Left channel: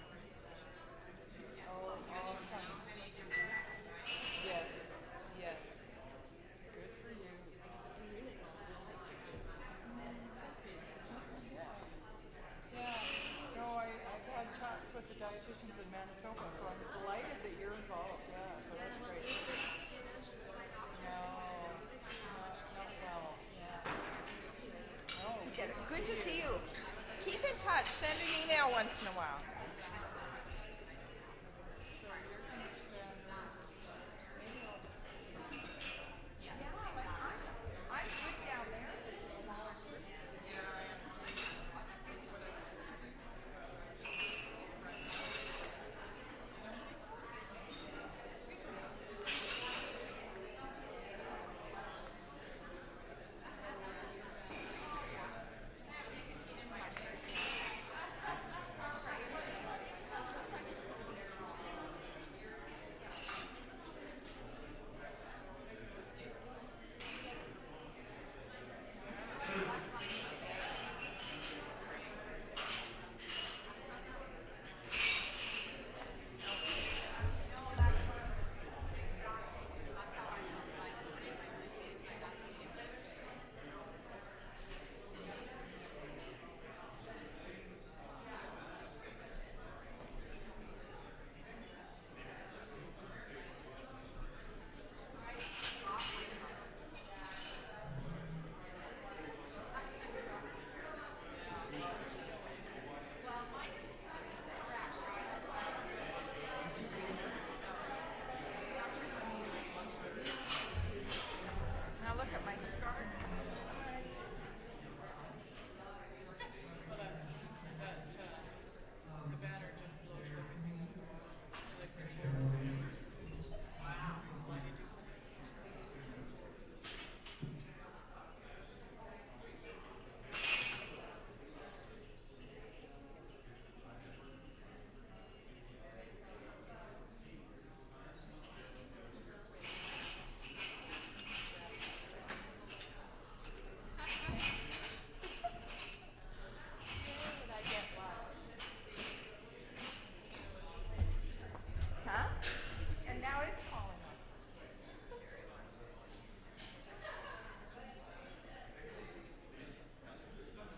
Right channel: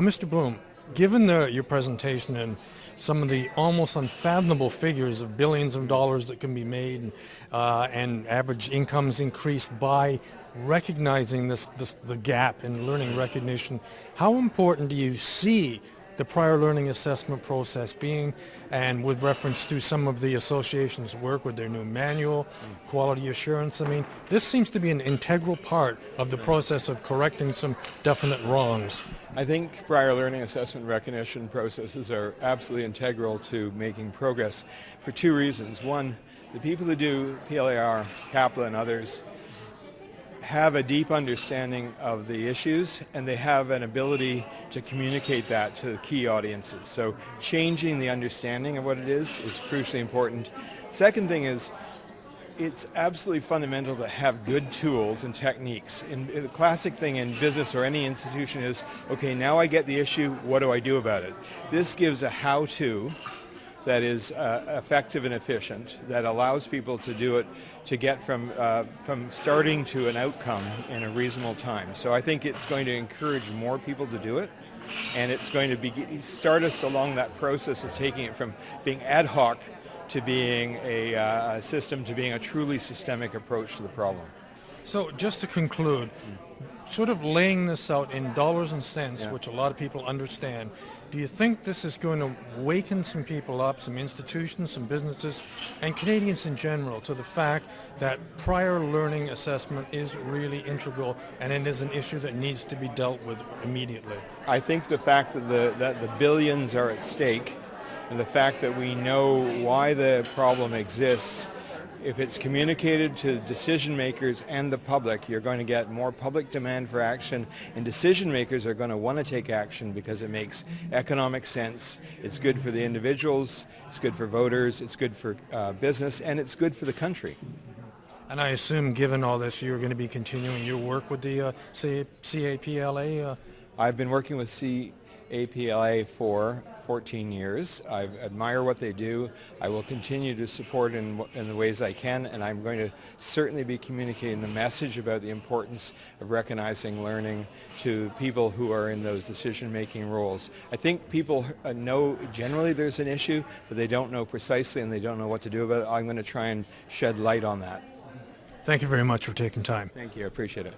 Mr. Bloom, given your presentation and some of the almost unfathomable figures of billions of dollars that can be made and average incomes increased by recognizing the gap in learning recognition, how important do you see the prior learning assessment process being, and with reference to some of the associations' work with their new manual, quality assurance? I mean, this seems to be an integral part of the process of correcting some definite wrongs. I think prior learning assessment recognition processes are absolutely integral to making progress for two reasons. One, the people who do PLAR, CAPLA, and others have a deep understanding of the issues, and they have an ability to communicate that to key audiences. So changing the understanding of what it is crucially important. Second thing is, it's absolutely fundamental to have good tools and techniques. The classic thing in business or any institution is, okay, now I get the issue, what do I do about it? This gives a how-to that is effective and efficient, that allows people to do it, to get from starting to an outcome in a reasonable time. So I think it's going to encourage more people to do it, and it's going to start us along that process of taking it from being ad hoc to being a system, to being a truly systemic approach to the problem. So just to conclude, sort of laying this out in dollars and cents, which a lot of people understand, do you think this is going to waken some people up, some institutions, some businesses, and Canadians in general, to the fact that prior learning assessment is really integral and it is an issue that needs to be dealt with immediately? I think the fact that the billions are at stake, and the fact that we know why the problem exists, if it's communicated to decision makers and the public, you're going to get more public demand for action, and decision makers are going to want to take action because it makes economic sense. It's good for the individuals, it's good for voters, it's good for business, and it's good for the country. And I assume, given all this, you're going to be continuing your work with the CAPLA? I've been working with CAPLA for 14 years. I admire what they do. I will continue to support in the ways I can, and I'm going to certainly be communicating the message about the importance of recognizing learning to people who are in those decision-making roles. I think people know generally there's an issue, but they don't know precisely and they don't know what to do about it. I'm going to try and shed light on that. Thank you very much for taking time. Thank you. I appreciate it.